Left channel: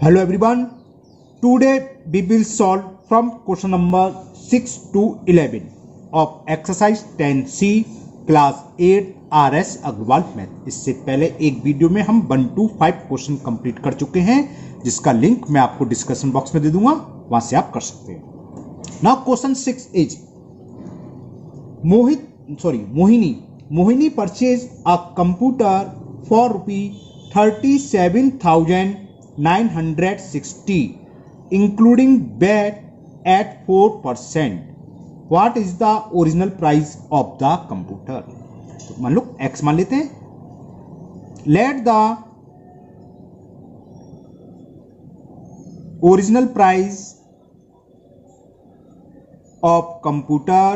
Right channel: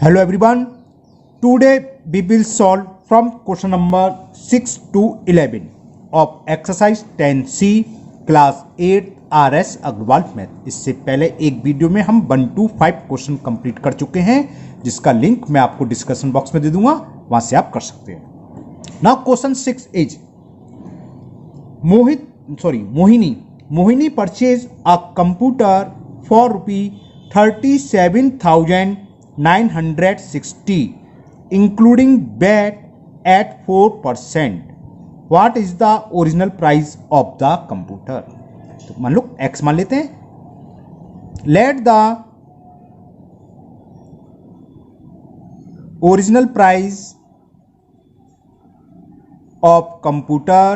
Hello everyone. Today we will solve from question number 6 to 11 of exercise 10C class 8 RS Agarwal math. इससे पहले एक video में हम 1 to 5 question complete कर चुके हैं, जिसका लिंक मैं आपको डिस्कशन बॉक्स में दे दूंगा, वहां से आप कर सकते हैं। Now question 6 is Mohini purchase a computer for ₹37,960 including VAT at 4%. What is the original price of the computer? तो मान लो x मान लेते हैं. Let the original price of computer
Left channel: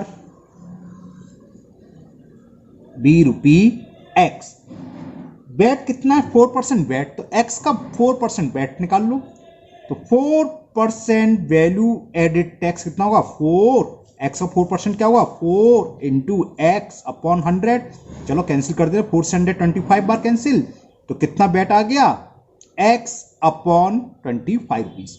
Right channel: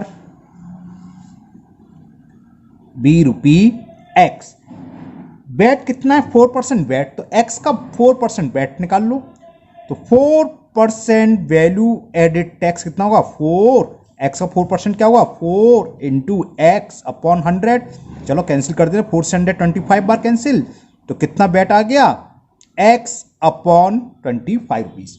be ₹x. VAT कितना है? 4% वेट, तो x का 4% वेट निकाल लो, तो 4% वैल्यू एडेड टैक्स कितना होगा? 4। x का 4% क्या होगा? 4 इंटू एक्स अपॉन 100। चलो कैंसिल कर दे, 4 से 125 बार कैंसिल, तो कितना वेट आ गया? x upon 25 rupees.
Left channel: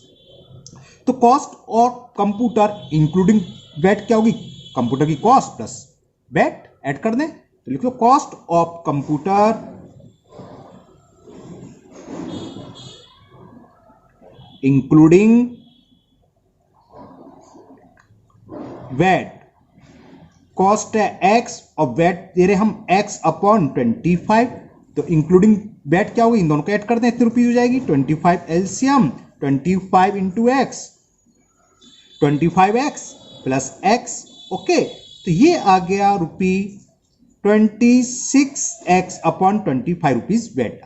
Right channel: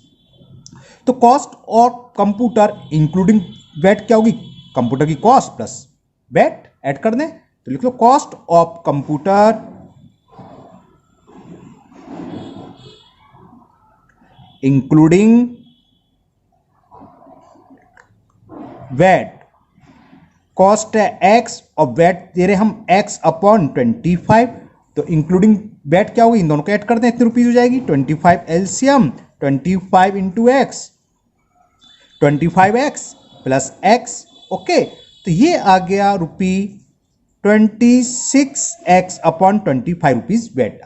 तो कॉस्ट और कंप्यूटर इंक्लूडिंग वेट क्या होगी? कंप्यूटर की कॉस्ट प्लस वेट ऐड कर दें, तो लिख लो cost of computer including VAT. Cost है x और वेट दे रहे हम x अपॉन 25, तो इंक्लूडिंग वेट क्या होगी? इन दोनों को ऐड कर दें, कितनी रुपीज हो जाएगी? 25 LCM 25 into x, 25x plus x। Okay, तो ये आ गया ₹26x अपॉन 25 रुपीज वेट।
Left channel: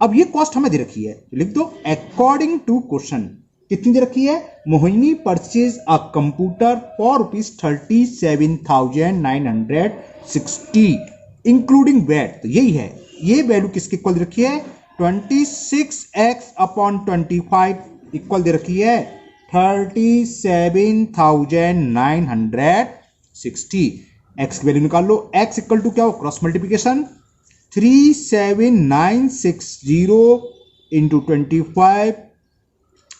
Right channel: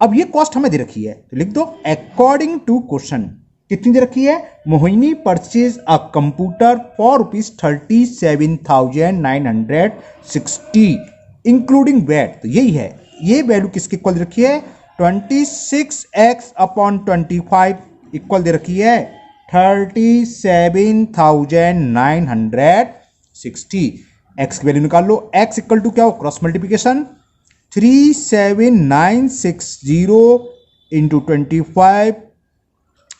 अब ये कॉस्ट हमें दे रखी है, तो लिख दो अकॉर्डिंग टू क्वेश्चन कितनी दे रखी है? Mohini purchase a computer for ₹37,960 including VAT. तो यही है, ये वैल्यू किसके इक्वल दे रखी है? 26x अपॉन 25 इक्वल दे रखी है 37,960। x की वैल्यू निकाल लो, x इक्वल टू क्या हो? Cross multiplication 37,960 into 25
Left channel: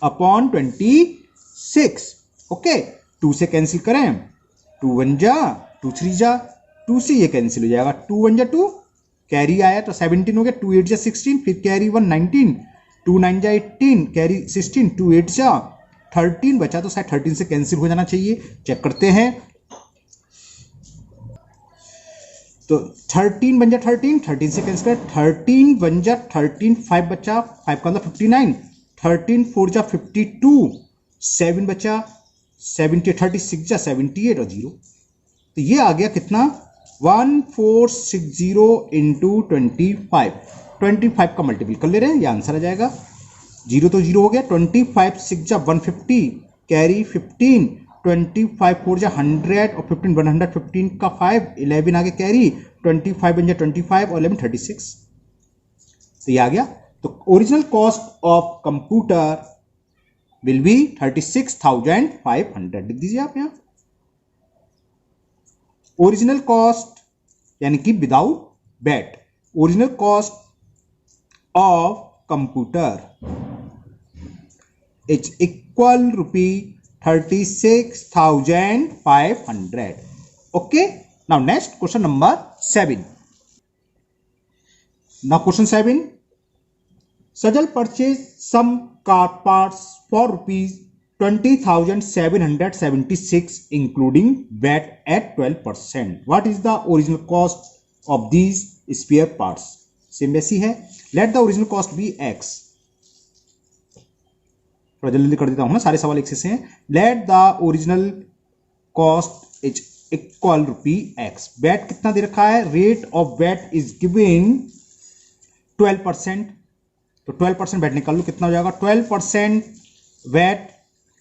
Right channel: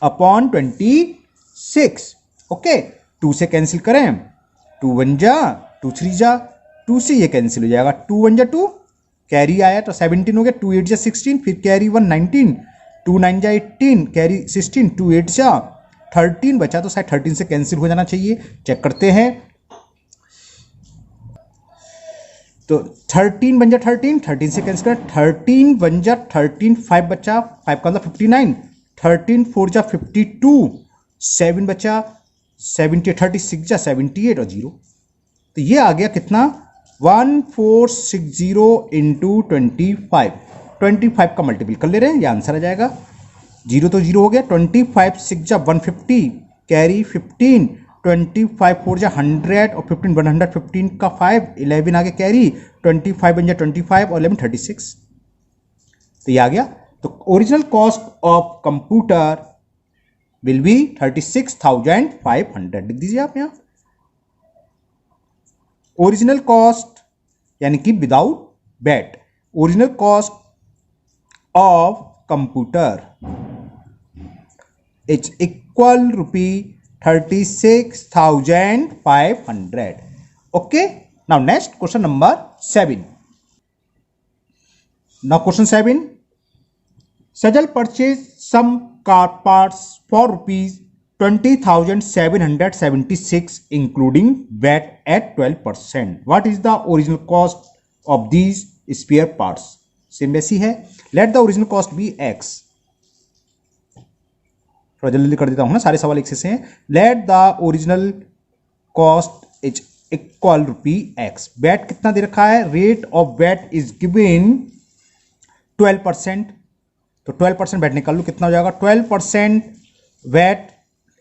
upon 26। Okay, 2 से कैंसिल करें, 2 1 जा 2 3 जा, 2 से ये कैंसिल हो जाएगा, 2 1 जा 2, कैरी आया तो 17 हो गया, 2 8 जा 16, फिर कैरी 1 19, 2 9 जा 18, कैरी 16, 2 8 जा 13 बचा, तो शायद 13 से कैंसिल हो जाना चाहिए, चेक करते हैं। तो 13 बन जा 13, 13 से कैंसिल कर, 13 बन जा 13, 5 बचा, 5 का मतलब 59, 13 4 जा 52, 7 बचा 70, 36 जा 78 और 0, तो ये आ गया कितना? 1460 इंटू 25 का मल्टीपल कर ले रहे हैं, ये आंसर आ जाएगा। 0 तो 0 हो गया, 25 6 जा 150, कैरी 15, 25 4 जा 100 और 15 115 का 5, 11 आगे कैरी, 25 बन जा 25 और 11 36, तो ये आ गया। तो original cost of computer will be 36,500, लिख दीजिए आप यहां। ओरिजिनल कॉस्ट यानी कि without VAT, original cost of computer is equal ₹36,500। Okay, now next question number 7। Now question 7, Sajal purchase some car parts for ₹20,776 including VAT at 12%. What is the original cost of these spare parts? Same वैसी है। Let the original cost be x. थोड़ा जल्दी कर देता हूं ना, सारे सवाल एक से हैं। Let the original cost is equal ₹x। VAT कितना दे रखा है? Rate of VAT is given 12%, तो 12% वेट निकाल लो, कितना हो जाएगा? 12% वेट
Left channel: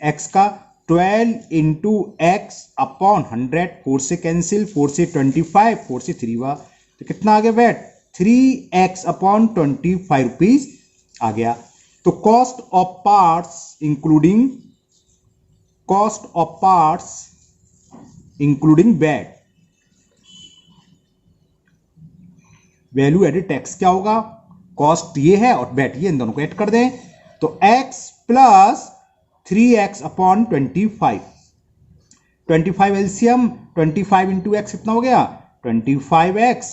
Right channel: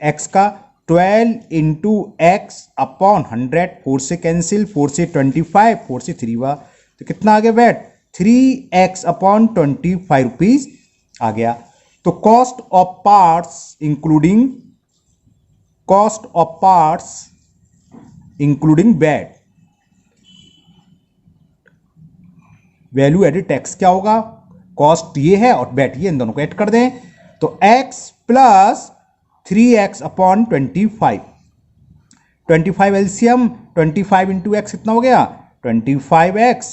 x का 12 इंटू एक्स अपॉन 100, 4 से कैंसिल, 4 से 25, 4 से 3 हुआ, तो कितना आ गया वेट? 3x अपॉन 25 रुपीज आ गया। तो cost of parts including VAT, value added tax क्या होगा? कॉस्ट ये है और वेट ये, इन दोनों को ऐड कर दें, तो x plus 3x upon 25, 25 LCM, 25 into x कितना हो गया 25x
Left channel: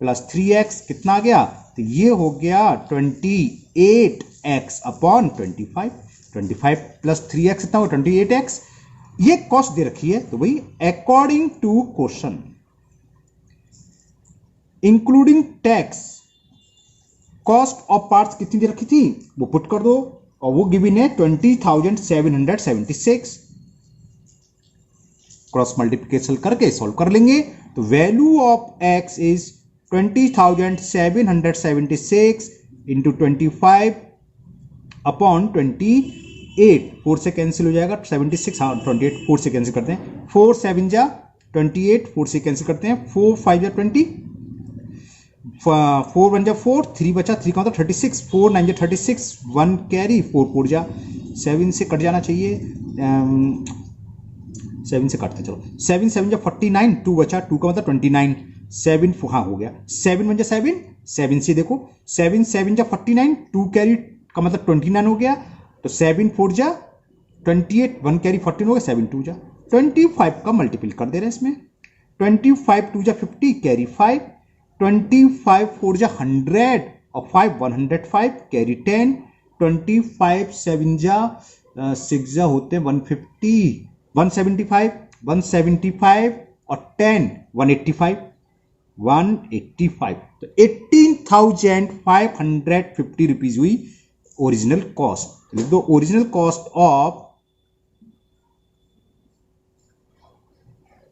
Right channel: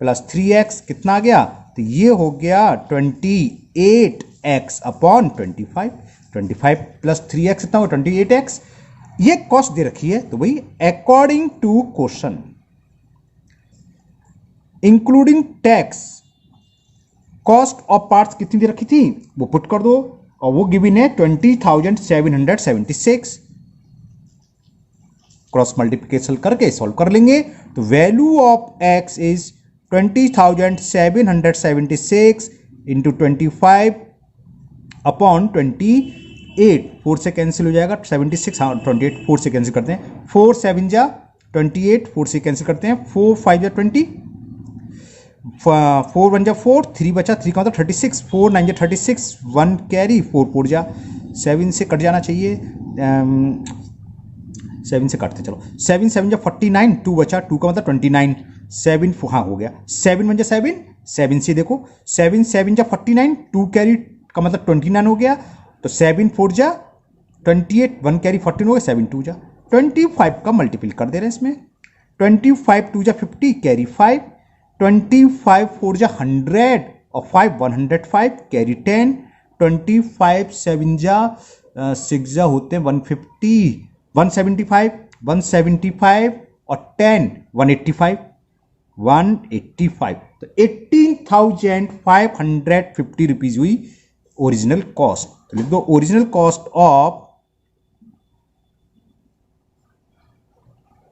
प्लस 3x कितना आ गया, तो ये हो गया 28x अपॉन 25, 25 प्लस 3x कितना होगा 28x। ये कॉस्ट दे रखी है तो वही according to question including tax cost of parts कितनी दे रखी थी वो पुट कर दो, और वो गिवन है 20,776। क्रॉस मल्टीप्लिकेशन करके सॉल्व कर लेंगे तो value of x is 20,776 into 25 upon 28, 4 से कैंसिल हो जाएगा 76, हाँ 28 4 से कैंसिल करते हैं, 4 7 जा 28, 4 से कैंसिल करते हैं, 4 5 जा 20, 4 1 जा 4, 3 बचा, 3 का मतलब 36, 4 9 जा 36, 1 कैरी, 4 4 जा 7 से कट जाना चाहिए, 7 से काटते चलो, 7 7 जा 49, 2 बचा, 2 का मतलब 29, 7 हाँ हो गया, 7 1 जा 7, 7 से देखो 7 7 जा 49, 2 कैरी का मतलब 29 हो गया, तो 7 4 जा 28, 1 कैरी 14 हो गया, 7 2 जा 25 का मल्टीपल कर दे रहे हैं इसमें, 25 2 जा 50 कैरी 5, 25 4 जा 100 और 5 105 कैरी 10, 25 7 जा 6 जा होते हैं 150, 175 175 और 10 185, 185, तो 18,550 रुपीज हुई ओरिजिनल कॉस्ट। तो लिख दो ओरिजिनल कॉस्ट ऑफ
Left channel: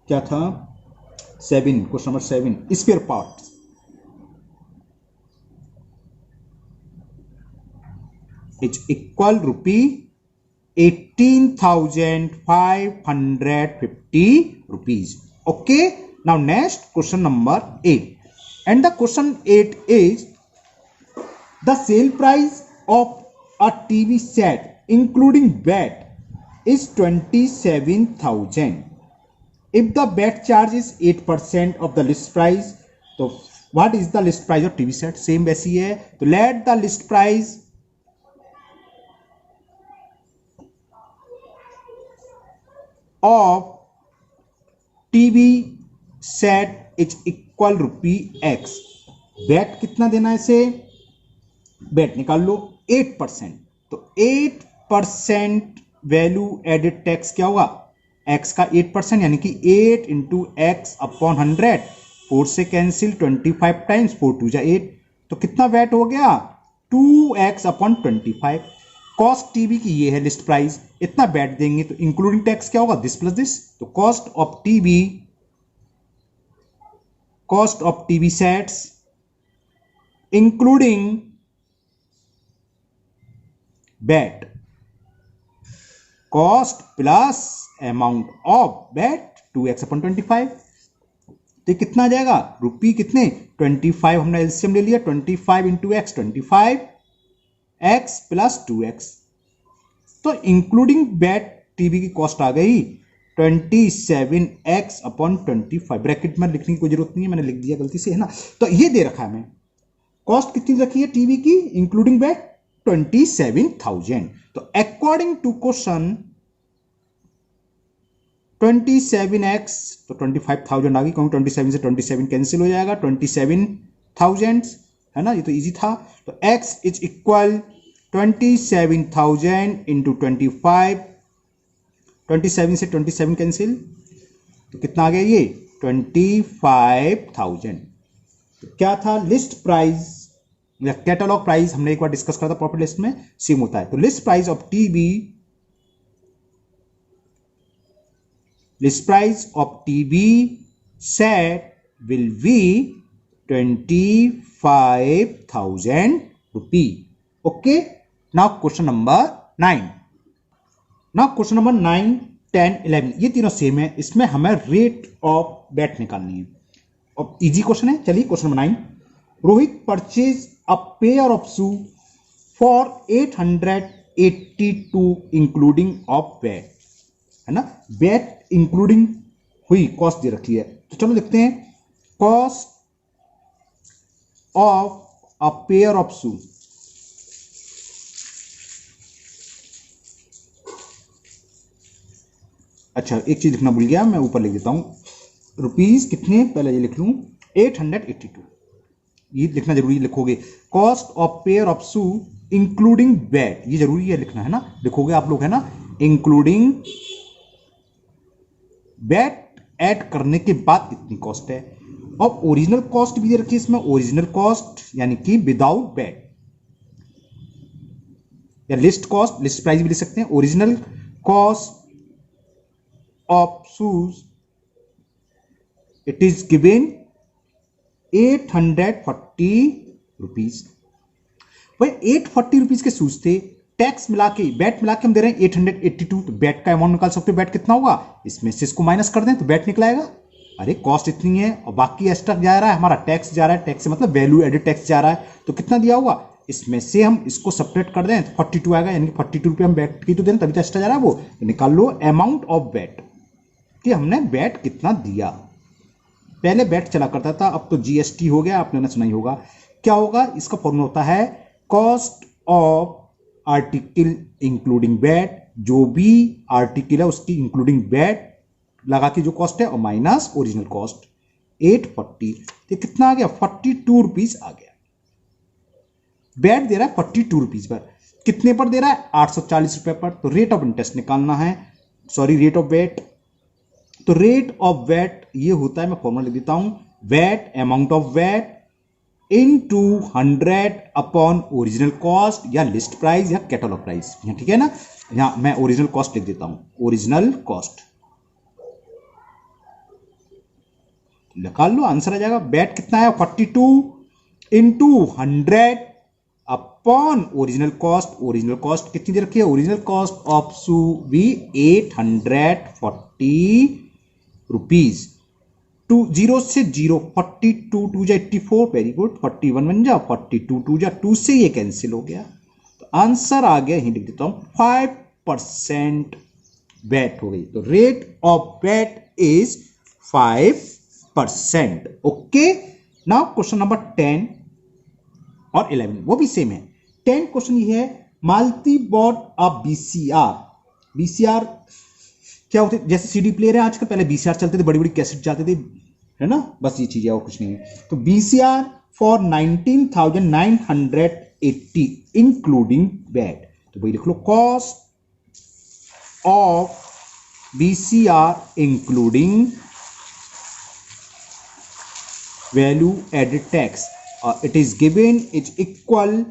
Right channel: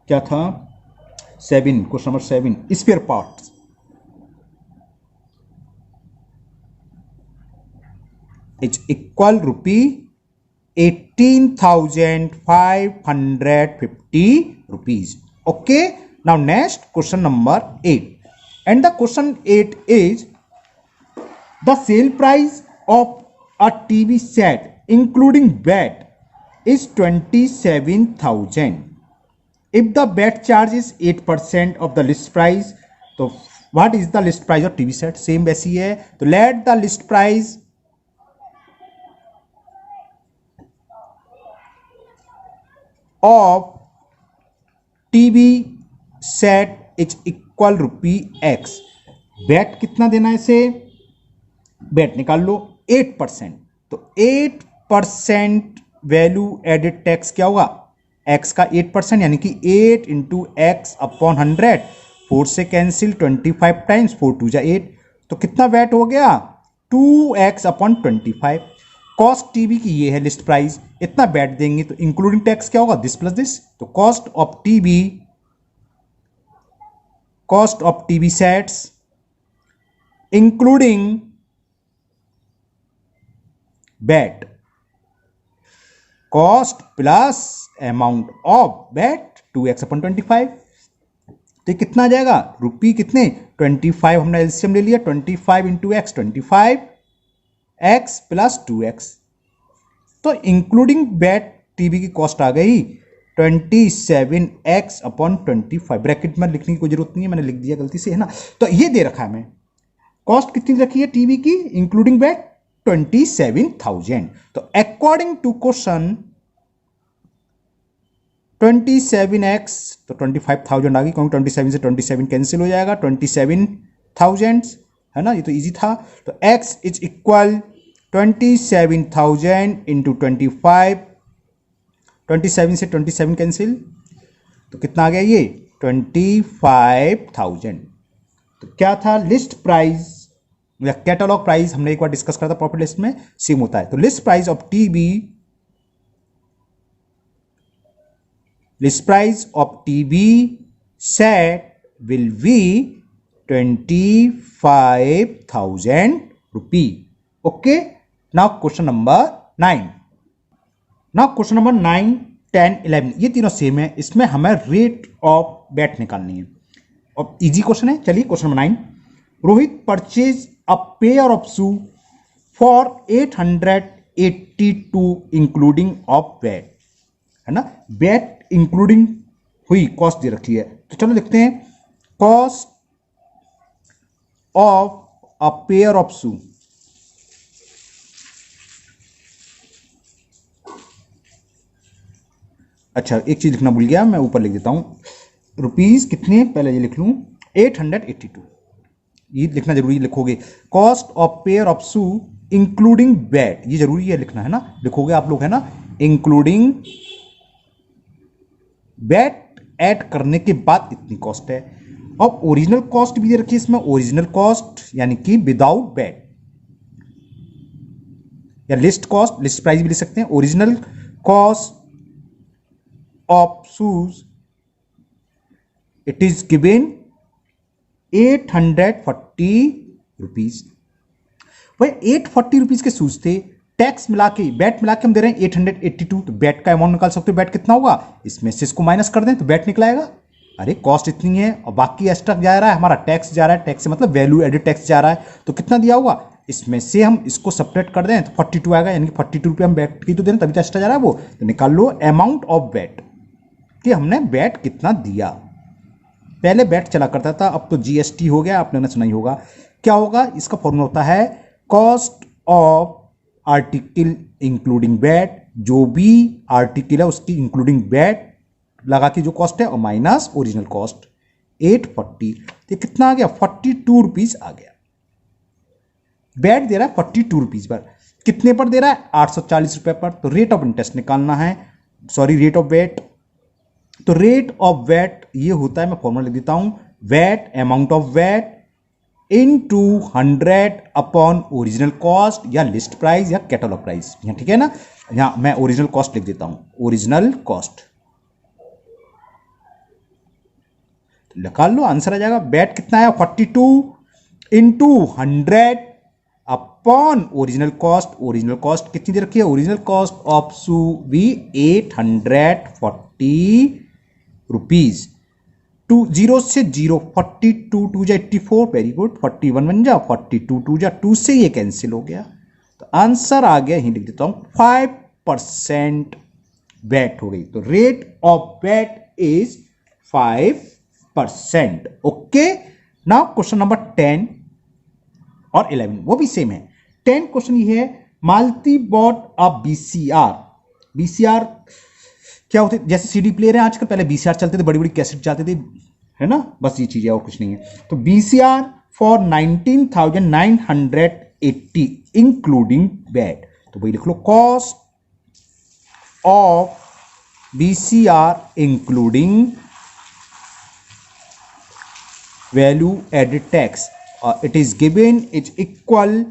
क्या था 7, question number 7 spare part is equal rupee 18,550 rupees. Okay, now next question number 8, and the question 8 is the sale price of a TV set including VAT is 27,000. If the VAT charge is 8% of the list price, तो what is the list price of TV set? Same वैसी है, तो let the list price of TV set is equal rupee x। Bat कितना देना है इसे, bat निकाल लो 8%, तो 8% वैल्यू एडेड टैक्स क्या होगा x का 8% यानी कि 8 इंटू एक्स अपॉन 100, 4 से कैंसिल 25 टाइम्स 4 2 जा 8, तो कितना वैट हो गया 2x अपॉन 25। कॉस्ट टीवी की ये है लिस्ट प्राइस, इतना बैट देंगे तो इंक्लूडिंग टैक्स क्या होगा दिस प्लस दिस, तो cost of TV sets including bat, cost plus amount of bat 2x upon 25, तो कितना आ जाएगा रुपी कितने 25, हमने एलसीएम ले लिया 25 into x 25 x plus 2x, तो इंक्लूडिंग बैट टीवी की कॉस्ट आ गई 27x अपॉन 25। ब्रैकेट में लिखने की कोई जरूरत नहीं है, मैंने लिख दिया गलती से है ना। तो ये दे रखा है हमें कॉस्ट कितनी रखी है टीवी की इंक्लूडिंग बैट 27,000। तो अकॉर्डिंग टू क्वेश्चन 27x तो 25,000 आ गई, क्योंकि 27 से 27 कैंसिल हो जाएगा, 27,000 है ना, ये तो इजी था। तो x इज इक्वल 27,000 इंटू 25, 27 से 27 कैंसिल, तो कितना आ गया ये 25,000। तो क्या था लिस्ट प्राइस या कैटलॉग प्राइस, हमने एक बार डिस्कस करा था प्रॉफिट लिस्ट में, सेम होता है। तो list price of TV set will be 25,000 rupee. Okay, now question number 9। Now question number 9, 10, 11 ये तीनों सेम है, इसमें हमें रेट ऑफ बैट निकालनी है और इजी क्वेश्चन है। चलिए question number 9, Rohit purchase a pair of shoe for 882 including of VAT, है ना, बैट इंक्लूडिंग हुई कॉस्ट दे रखी है। तो चलो लिखते हैं cost of a pair of shoe अच्छा एक चीज लिखना भूल गया, मैं ऊपर लिख देता हूँ रुपीज कितने, पहले ये लिख लूँ 882, ये लिखना जरूरी लिखोगे। Cost of pair of shoe including VAT, ये जरूरी है लिखना है ना, लिखोगे आप लोग है ना, इंक्लूडिंग वैट ऐड करने के बाद इतनी कॉस्ट है। और ओरिजिनल कॉस्ट भी दे रखी है इसमें, ओरिजिनल कॉस्ट यानी कि विदाउट वैट, या लिस्ट कॉस्ट, लिस्ट प्राइस भी लिख सकते हैं। Original cost of shoes it is given 840 rupees. भाई 840 रुपीज के शूज थे, टैक्स मिला के बैट मिला के हम दे रहे हैं 882, तो बैट का अमाउंट निकाल सकते हो, बैट कितना होगा, इसमें से इसको माइनस कर दें तो बैट निकलाएगा। अरे कॉस्ट इतनी है और बाकी एक्स्ट्रा जा रहा है हमारा टैक्स जा रहा है, टैक्स से मतलब वैल्यू एडेड टैक्स जा रहा है, तो कितना दिया होगा, इसमें से हम इसको सेपरेट कर दें तो 42 आएगा, यानी कि 42 रुपये हम बैट की तो दें तभी तो एक्स्ट्रा जा रहा है वो, तो निकाल लो अमाउंट ऑफ बैट कि हमने बैट कितना दिया। पहले बैट चला करता था, अब तो जीएसटी हो गया, आपने ना सुना ही होगा। क्या होगा, इसका फॉर्मूला होता है cost of article including bat, जो भी आर्टिकल है उसकी इंक्लूडिंग बैट लगा के जो कॉस्ट है, और माइनस ओरिजिनल कॉस्ट 840, तो कितना आ गया 42 रुपीज आ गया। बैट दे रहा है 42 रुपीज पर, कितने पर दे रहा है 840 रुपए पर, तो रेट ऑफ इंटरेस्ट निकालना है, सॉरी रेट ऑफ वेट, तो रेट ऑफ वेट ये होता है, मैं फॉर्मूला लिख देता हूं, VAT amount of VAT into 100 upon original cost या लिस्ट प्राइस या कैटलॉग प्राइस, ठीक है ना। यहां मैं ओरिजिनल कॉस्ट लिख देता हूं, ओरिजिनल कॉस्ट निकाल लो, आंसर आ जाएगा। बैट कितना है 42 into 100 upon original cost, original cost कितनी दे रखी है, ओरिजिनल कॉस्ट ऑफ शू भी 840 रुपीज। 0 से 0, 42 2 जा 84, वेरी गुड, 41 बन जा, 42 2 जा 2 से ये कैंसिल हो गया, तो आंसर आ गया, यही लिख देता हूं 5% वैट हो गई, तो rate of VAT is 5%। Okay, now question number 10 और 11 वो भी सेम है। 10 क्वेश्चन ये है, मालती बॉट अ बीसीआर, बीसीआर क्या होते, जैसे सीडी प्लेयर है आजकल, पहले बीसीआर चलते थे, बड़ी बड़ी कैसेट चलते थे, है ना, बस ये चीज है और कुछ नहीं है। तो बीसीआर फॉर 19,980 इंक्लूडिंग वैट, तो वही लिख लो, cost of BCR including value added tax, it is given is equal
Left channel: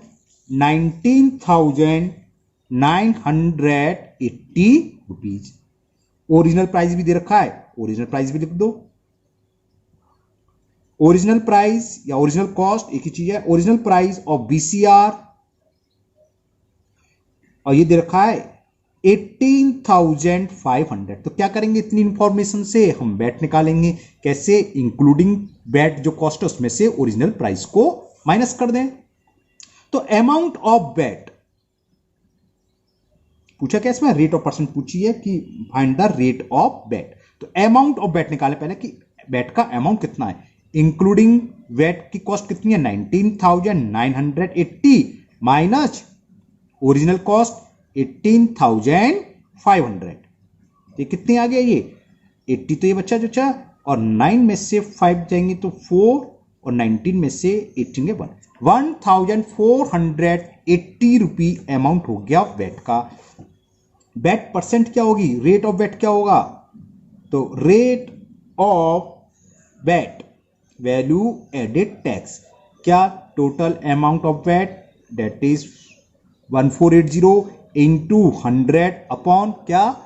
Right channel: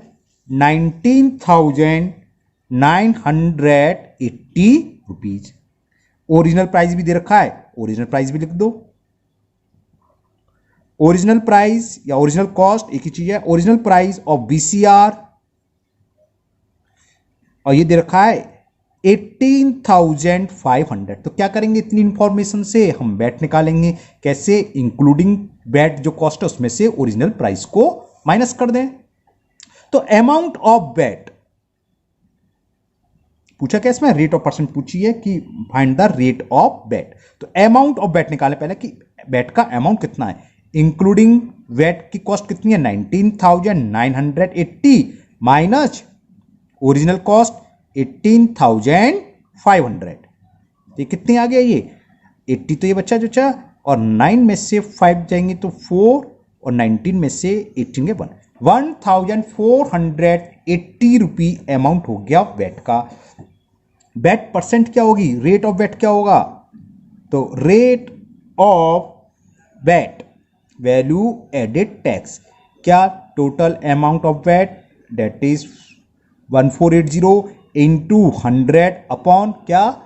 19,980 rupees. Original price भी दे रखा है, ओरिजिनल प्राइस भी लिख दो, ओरिजिनल प्राइस या ओरिजिनल कॉस्ट एक ही चीज है, ओरिजिनल प्राइस ऑफ बीसीआर, और ये दे रखा है 18,500। तो क्या करेंगे, इतनी इंफॉर्मेशन से हम बैट निकालेंगे, कैसे, इंक्लूडिंग बैट जो कॉस्ट है उसमें से ओरिजिनल प्राइस को माइनस कर दें। तो अमाउंट ऑफ बैट पूछा क्या इसमें, रेट ऑफ परसेंट पूछी है कि find the rate of bat, तो अमाउंट ऑफ बैट निकाले पहले कि बैट का अमाउंट कितना है, इंक्लूडिंग बैट की कॉस्ट कितनी है 19,980 माइनस ओरिजिनल कॉस्ट 18,500, तो कितनी आ गया, ये 80 तो ये बच्चा जो चा, और 9 में से 5 जाएंगे तो 4, और 19 में से 18 के 1, 1,480 रुपी अमाउंट हो गया बैट का। बैट परसेंट क्या होगी, रेट ऑफ बैट क्या होगा, तो rate of VAT value added tax, क्या, total amount of VAT that is 1480 into 100 upon क्या,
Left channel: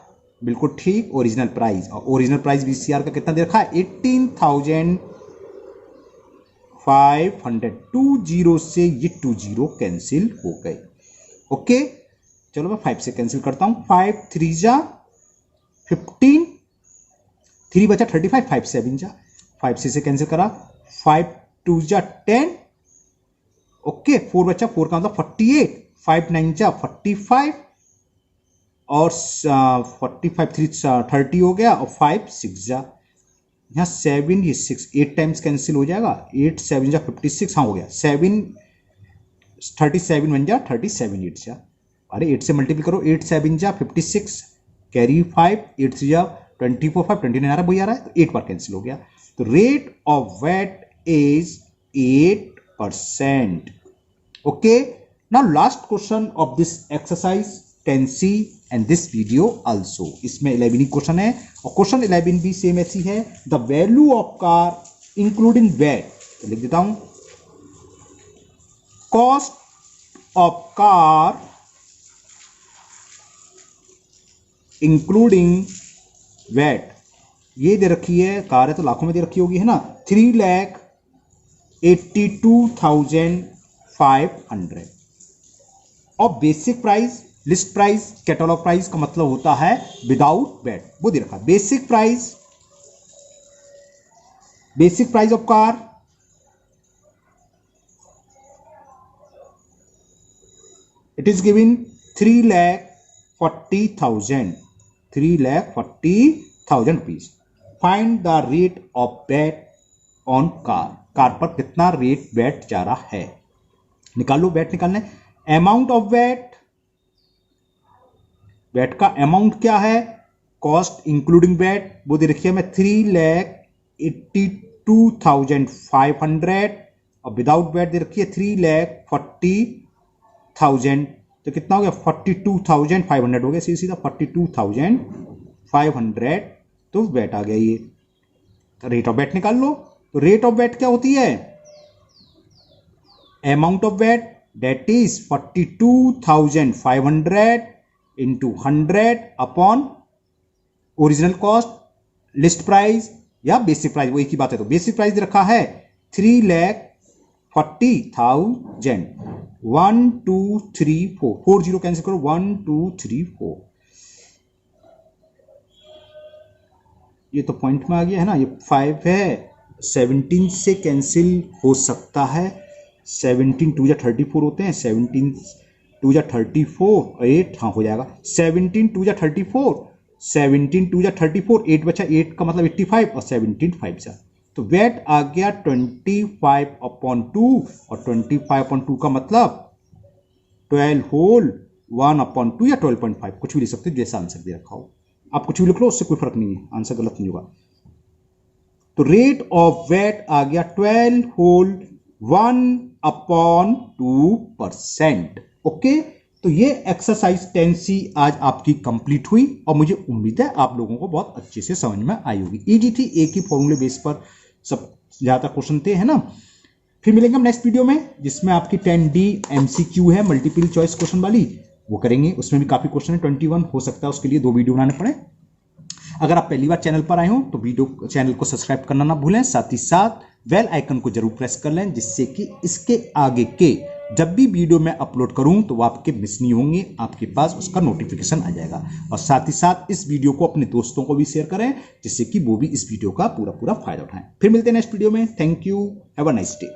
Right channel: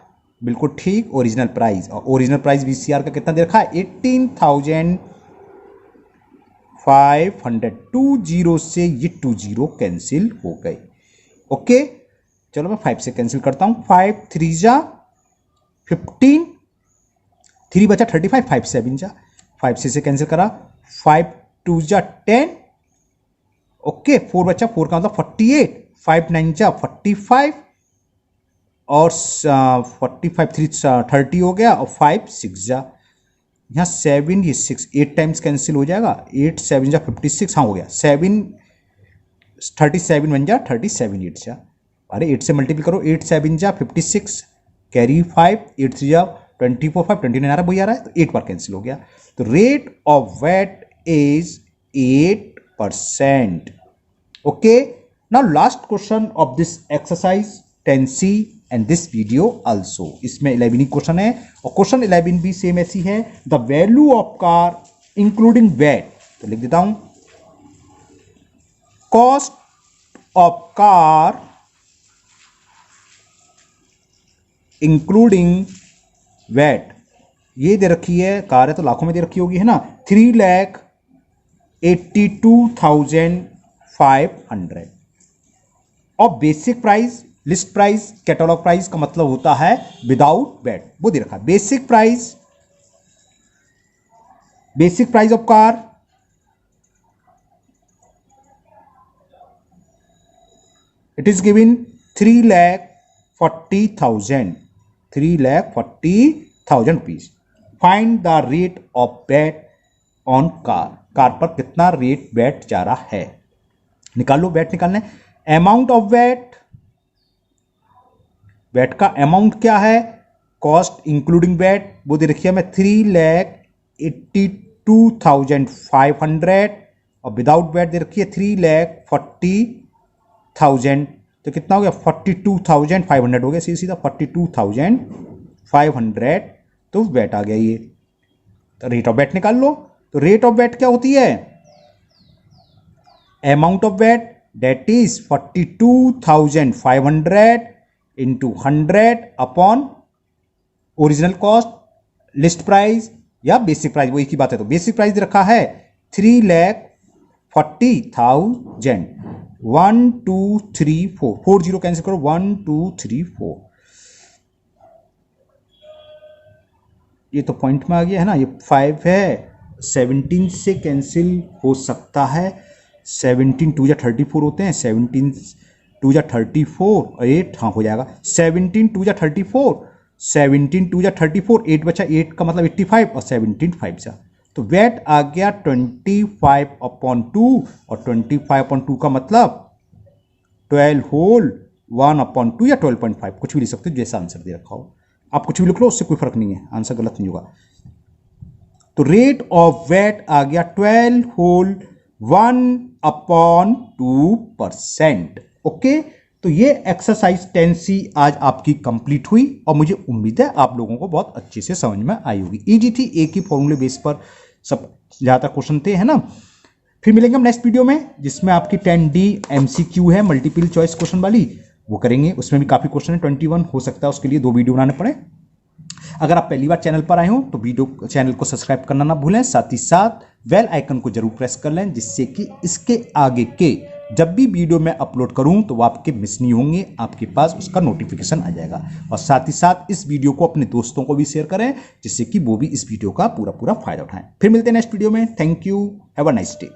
बिल्कुल ठीक, ओरिजिनल प्राइस, और ओरिजिनल प्राइस बीसीआर का कितना दे रखा है 18,500, 20 से ये 20 कैंसिल हो गए। ओके, चलो मैं 5 से कैंसिल करता हूं, 5 3 जा 15, 3 बचा 35, 5 7 जा, 5 से कैंसिल करा, 5 2 जा 10, ओके, 4 बचा, 4 का मतलब 48, 5 9 जा 45, और 45 3 30 हो गया, और 5 6 जा, यहाँ 7 ये 6 8 टाइम्स कैंसिल हो जाएगा, 8 7 जा 56, हाँ हो गया, 7 37 बन जा 37 8 जा, अरे 8 से मल्टीपल करो, 8 7 जा 56, कैरी 5, 8 3 जा 24 5 29 आ रहा है, वही आ रहा है, तो 8 बार कैंसिल हो गया। तो rate of VAT is 8%। Okay, now last question of this exercise 10C and this video also. इसमें 11 क्वेश्चन है और क्वेश्चन 11 भी सेम ऐसी है। The value of car including VAT, तो लिख देता हूं, cost of car including VAT, ये दे रखी है, कार है तो लाखों में दे रखी होगी, है ना, 3,82,500। और basic price, list price, catalogue price का मतलब होता है विदाउट वैट, वो दे रखा है। Basic price of car it is given 3,40,000 rupees. Find the rate of VAT on car, car पर कितना रेट वैट जा रहा है, निकाल लो। वैट निकालना है। अमाउंट ऑफ वैट, वैट का अमाउंट क्या है, कॉस्ट इंक्लूडिंग वैट, वो दे रखी है मैं 3,82,500 और विदाउट वैट दे रखी है 3,40,000। तो कितना हो गया, 42,500 हो गया, सीधा 42,500। तो वैट आ गया ये। तो रेट ऑफ वैट निकाल लो। तो रेट ऑफ वैट क्या होती है, amount of VAT that is 42,500 into 100 upon original cost, list price या बेसिक प्राइस, वो एक ही बात है। तो बेसिक प्राइस रखा है 3,40,000। 1 2 3 4, 4 0 कैंसिल करो, 1 2 3 4, ये तो पॉइंट में आ गया है ना, ये 5 है, 17 से कैंसिल हो सकता है, 17 2 या 34 होते हैं, 17 2 या 34, 8 हाँ हो जाएगा, 17 2 या 34, 17 2 या 34, 8 बचा, 8 का मतलब 85 और 17 5 सा। तो वैट आ गया 25/2 और 25/2 का मतलब 12 होल 1/2 या 12.5, कुछ भी लिख सकते हो, जैसा आंसर दे रखा हो। आप कुछ भी लिख लो, उससे कोई फर्क नहीं है, आंसर गलत नहीं होगा। तो रेट ऑफ वैट आ गया 12 होल 1/2%। ओके, तो ये एक्सरसाइज 10C आज आपकी कंप्लीट हुई और मुझे उम्मीद है आप लोगों को बहुत अच्छे से समझ में आई होगी। इजी थी, एक ही फॉर्मूले बेस पर सब ज्यादा क्वेश्चन थे, है ना। फिर मिलेंगे हम नेक्स्ट वीडियो में, जिसमें आपकी 10D MCQ है, मल्टीपल चॉइस क्वेश्चन वाली, वो करेंगे। उसमें भी काफी क्वेश्चन है, 21 हो सकता है, उसके लिए 2 वीडियो बनाने पड़े। अगर आप पहली बार चैनल पर आए हो तो वीडियो चैनल को सब्सक्राइब करना ना भूलें, साथ ही साथ बेल आइकन को जरूर प्रेस कर लें, जिससे कि इसके आगे के जब भी वीडियो मैं अपलोड करूं तो वो आपके मिस नहीं होंगे, आपके पास उसका नोटिफिकेशन आ जाएगा। और साथ ही साथ इस वीडियो को अपने दोस्तों को भी शेयर करें, जिससे कि वो भी इस वीडियो का पूरा फायदा उठाएं। फिर मिलते हैं नेक्स्ट वीडियो में। Thank you, have a nice day.